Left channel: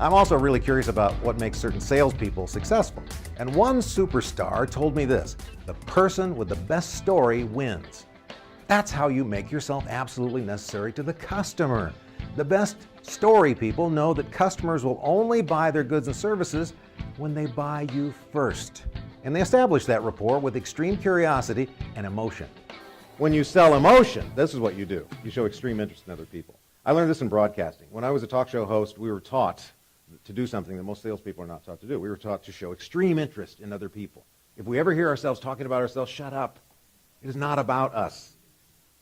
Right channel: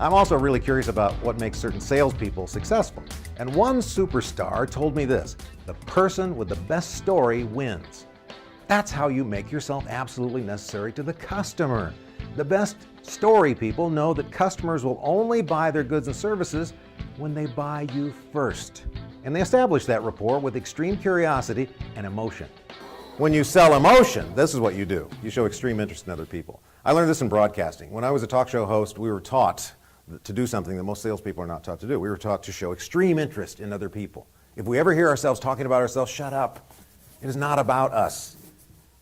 I'm also really curious about what makes certain salespeople successful. And one superstar told me this: the person with the best story wins. That's how you make yourself absolutely necessary to the customer. The best story people know that customers will only buy their goods and services when they buy you first. And they establish that rapport with extreme curiosity and emotion. When you sell emotion, this is what you do. You show extreme interest in other people. I learned this in broadcasting. When I was a talk show host, we were taught to do something that most salespeople are not taught to do. We were taught to show extreme interest in other people. If we ever hear ourselves talking about ourselves, shut up. It is not about us.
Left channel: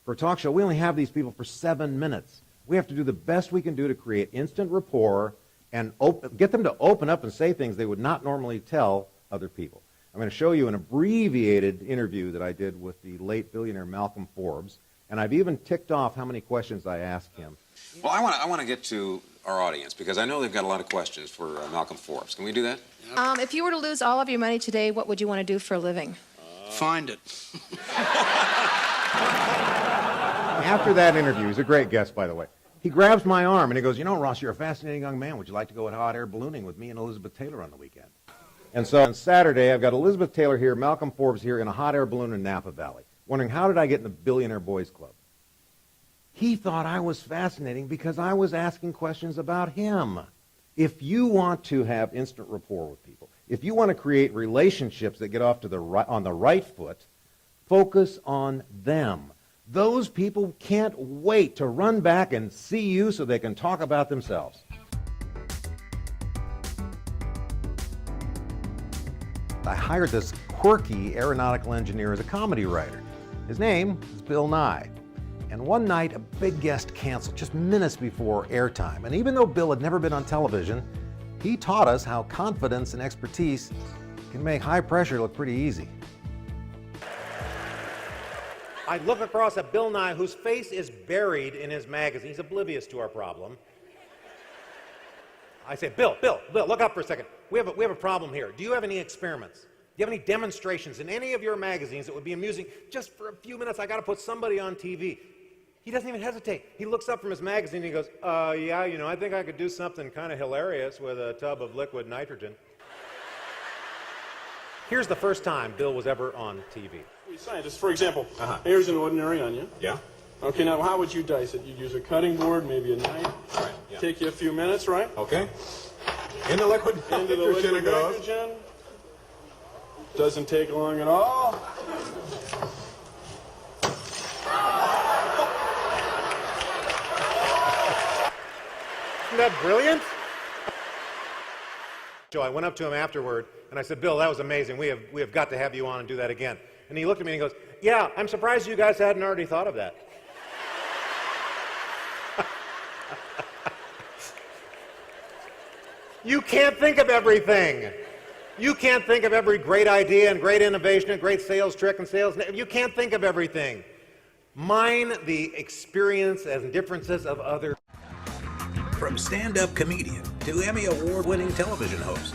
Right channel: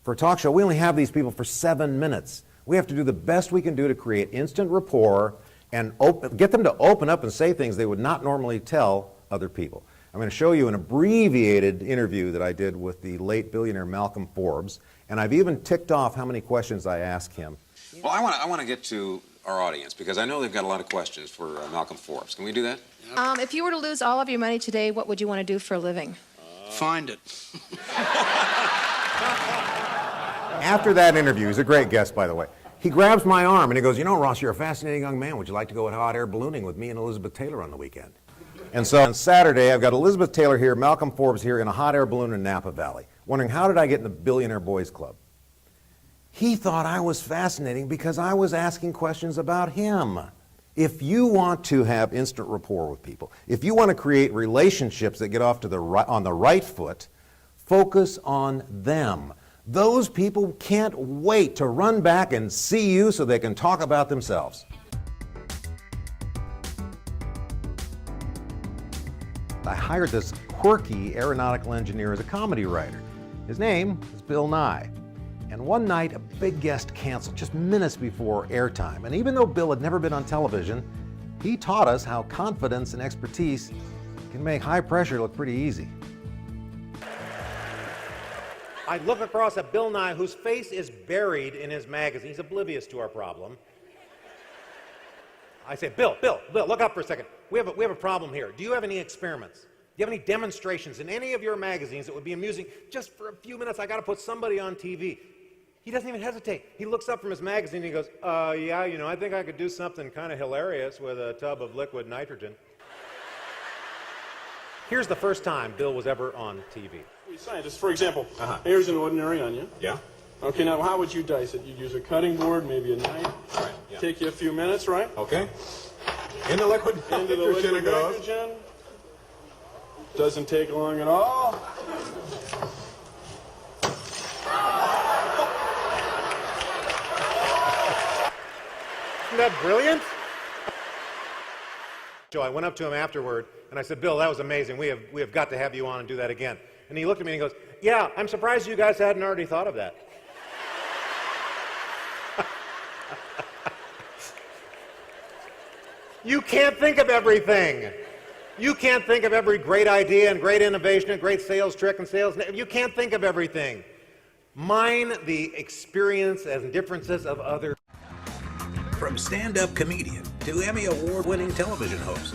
For a talk show, we only have these people for 7 minutes. We have to do the best we can do to create instant rapport and get them to open up and say things they would not normally tell other people. I'm going to show you an abbreviated interview that I did with the late billionaire Malcolm Forbes, and I've even ticked off how many questions I asked him. Well, I want to get to our audience because I know they've got a lot of questions for Malcolm Forbes. Can we do that? If you were to lose all of your money today, what would you want to do for a living? Find it. After that interview, he's a great guest, by the way, he grabs my arm and he goes, "You know, Ross, you're a fascinating young man. Would you like to go at hot air ballooning with me and Elizabeth Taylor on the weekend?" And so on Saturday, I've got Elizabeth Taylor here, Malcolm Forbes here in a hot air balloon in Napa Valley, wondering how did I get in the Billionaire Boys Club? He thought I was fascinating because I was asking questions about him. If you want to have instant rapport with people, if you want to create relationships that get off to on the right foot, focus on them. Those people can't wait to run back and see you so they can talk about themselves. I hired this quirky aeronautical engineer as a comedy writer. His name is Bill Nye. And one night, a big guest canceled just minutes before airtime. And even though Bill had never been on television, he taught us how confidence and expertise can make high pressure look pretty easy. I look across at Bill Nye, whose face is buried in his magazine. He's oblivious to our problem. I say, Bill, look up for a second. We have a problem here. Do you have any experiments? Do you have any demonstrations in any of your magazines that would be amusing? Just for a few minutes, I got to put somebody on TV. He doesn't even hesitate. He looks up from his magazine and he goes, yeah, you know, I think I could do something kind of hilarious with a tub of liquid nitrogen. Here's the first time Bill was ever on TV. Scientists, for example, here's an ordinary onion. Yeah. Okay, now how would you dice it? You'd use a cutting board, maybe a knife. Right. Yeah. Take you a few minutes, right? Okay. In the liquid Into the liquid nitrogen. Doesn't take long at all. Isn't that brilliant? So I went up to him afterward and I said, Bill, that was amazing. We have got to have you on and do that again. And he looked at me and he goes, yeah, I'm surprised you guys hadn't already thought of that. You can't think of everything. You can't think of every great idea and great innovation and great sales trick and sales. You can't think of everything. Mine the experience and differences of others. From stand-up comedian to Emmy Award-winning television host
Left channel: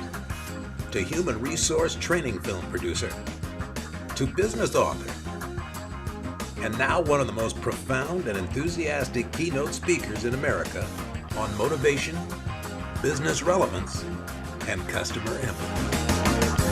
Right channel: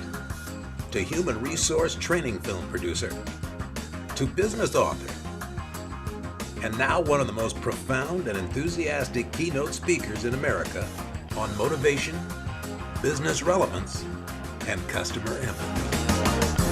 to human resource training film producer to business author, and now one of the most profound and enthusiastic keynote speakers in America on motivation, business relevance, and customer empathy.